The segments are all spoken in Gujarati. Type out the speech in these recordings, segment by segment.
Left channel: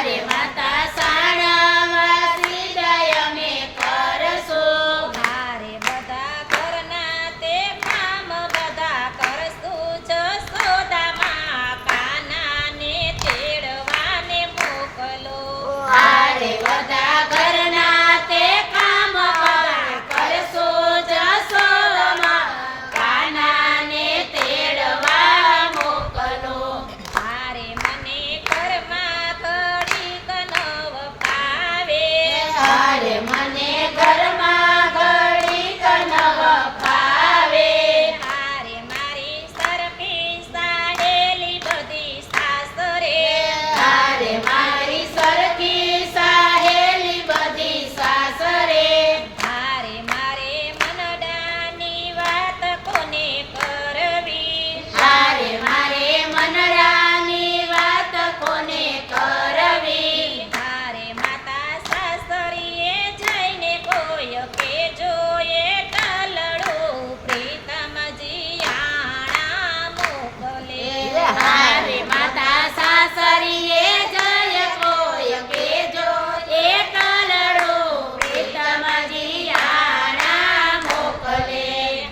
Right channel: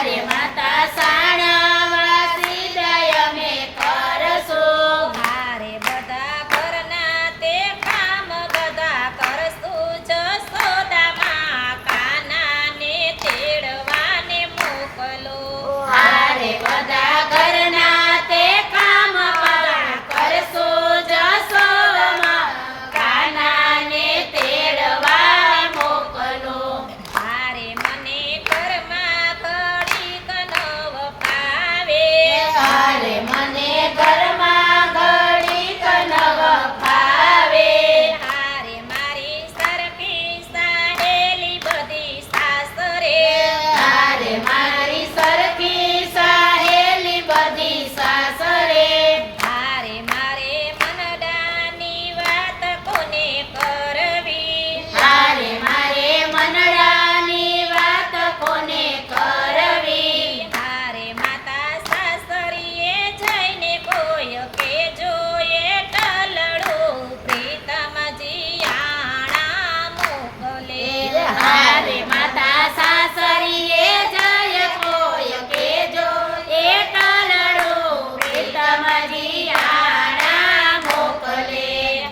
હારે માતા સાણવાસી દય મે કરશું હારે બધા ઘરના તે કામ બધા કરશું જશોદામાં કાનાને તેડવાને મોકલો હારે બધા ઘરના તે કામ કરશું જશોમાં કાનાને તેડવા મોકલો હારે મને ઘરમાં ઘડીક નવ ફાવે હારે મને ઘરમાં ઘડીક નવ ફાવે હારે મારી સરખી સાહેલી બધી સાસરે હારે મારી સરખી સાહેલી બધી સાસરે હારે મારે મનડાની વાત કોને કરવી હારે મારે મનડાની વાત કોને કરવી હારે માતા સાસરીએ જઈને કોઈ કેજો એ ટલડું પ્રીતમજી આણા મોકલે હારે માતા સાસરીએ જય કોઈ કેજો એ ટલડો પ્રીતમજી આણા મોકલે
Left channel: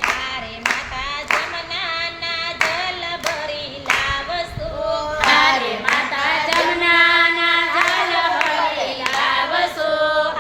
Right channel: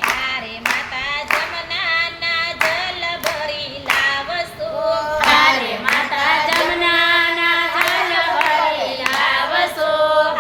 હારે માતા જમનાના જલ ભરી લાવશો હારે માતા જમનાના જલ ભરી લાવશો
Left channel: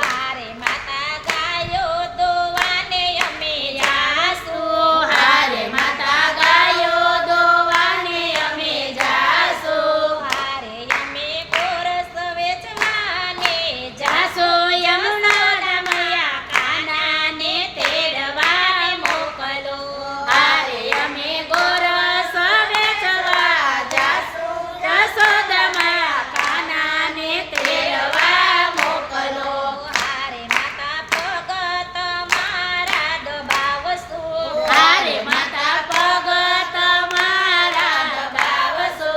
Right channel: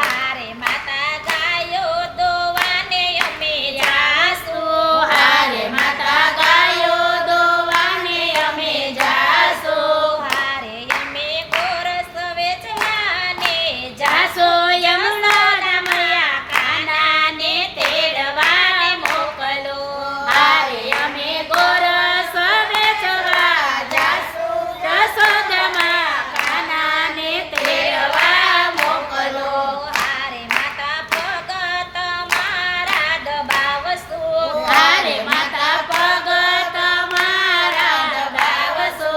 હારે માતા ગાયો દોવાને અમે જાશું હારે માતા ગાયો દોવાને અમે જાશું હારે અમે ગોરસ વેચવાને જાસો યમુના રમયા કાનાને તેડવા મોકલો હારે અમે ગોરસ વેચવા જાસો જશોદામાં કાનાને તેડવા મોકલો હારે માતા ભગત મારા દબાવશો હારે માતા પગ તમારા દબાવશો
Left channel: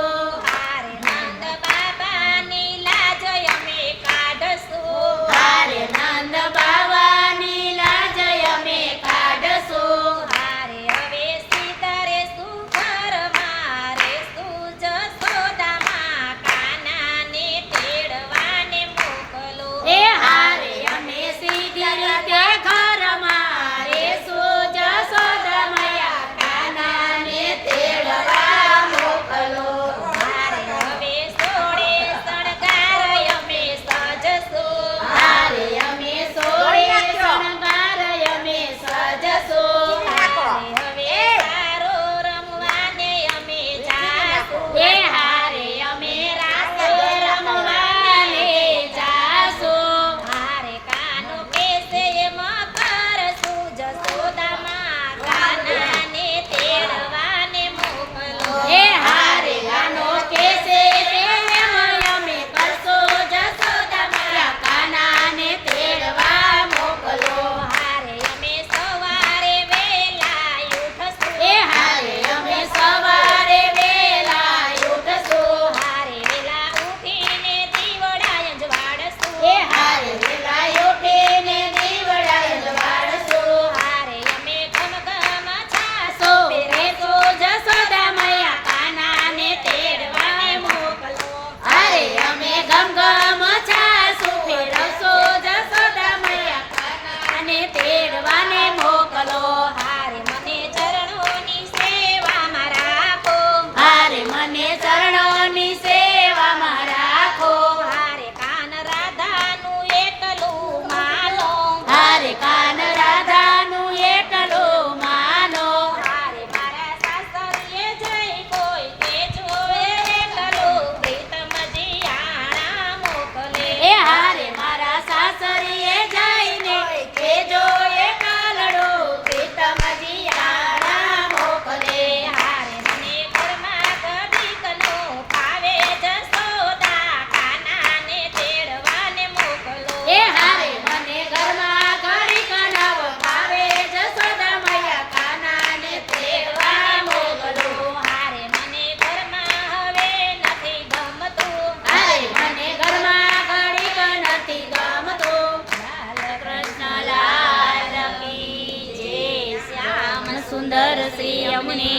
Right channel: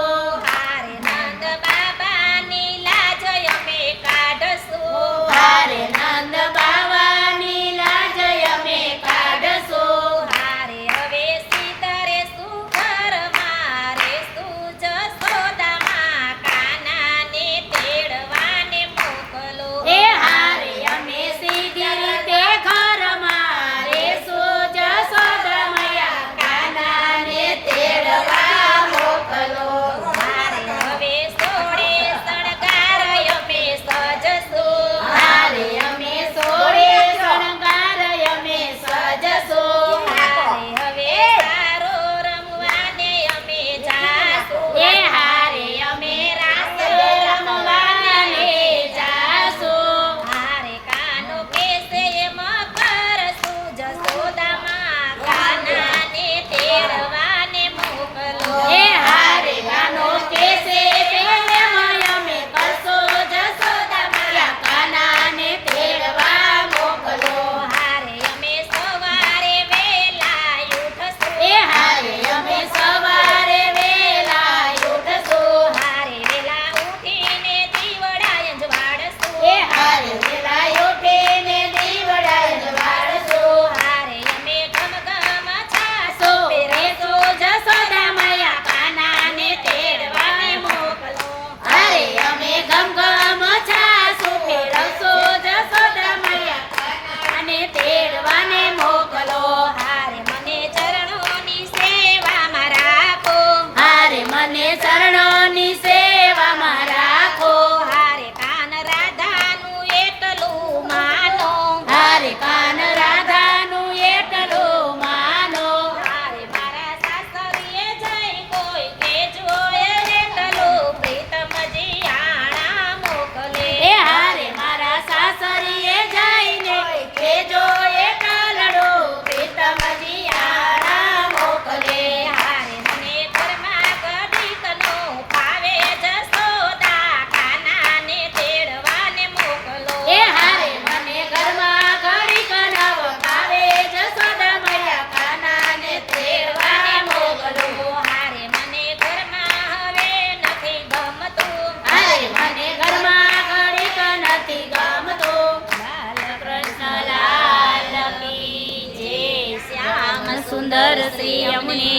હારે નંદ બાબાની લાજ અમે કાઢશું હારે નંદ બાવાની લાજ અમે કાઢશું હારે હવે સીધારે સુઘર મારે સુજ સોદામાં કાનાને તેડવાને મોકલો એ હારે અમે સીધી રીતે ઘરમાં રેશું જશોદામયા કાનાને તેડવા મોકલો હારે હવે સોળે શણગાર અમે સજશું હારે અમે સોળે શણગાર અમે સજશું હારે હવે સારો રમવાને અમે જાશું એ હારે અમે રાસ રમવાને જાશું હારે કાનો કેસે મકર સુજ સોદામાં કાનાને તેડવાને મોકલો એ હારે ગાનો કેસે અમે કરશો જશોદામયા કાનાને તેડવા મોકલો હારે અમે સવારે વેલા ઉઠશું એ હારે અમે સવારે વેલા ઉઠશું હારે વેલા ઉઠીને દીવડા અંજવાડશું એ હારે વેલા ઉઠીને દીવડા જવાડશું હારે અમે ગમગમ છાસો સો પહેરશું પેરેસો જશોદામયા કાનાને તેડવાને મોકલો હારે અમે ગમગમ છાસુ ફેરવશો જશોદામયા કાનાને તેડવાને મોકલો હારે મને ચરણોની સેવામાં રાખો હારે મને ચરણોની સેવામાં રાખો હારે કાન રાધાનું એટલું માનો હારે કાન રાધાનું એટલું માનો હારે મારા સાસરીએ જઈ કોઈ કેજો એટલું પ્રીતમજી આણા મોકલે એ હારે મારા સાસરીએ જઈને કેજો એ કાલડો પ્રીતમજી આણા મોકલે હારે મને ઘરમાં ઘડીકનો ફાવે જશોદા કાનાને તેડવાને મોકલો એ હારે મને ઘરમાં ઘડીક નવ ભાવે જશોદામયા કાનાને તેડવા મોકલો હારે મને ઘરમાં હવે નથી ગમતું હારે મને ઘરમાં ઘડીક નથી ગમતું કૃષ્ણ લાલ કી જય શ્યામ સુંદર શ્રી અમને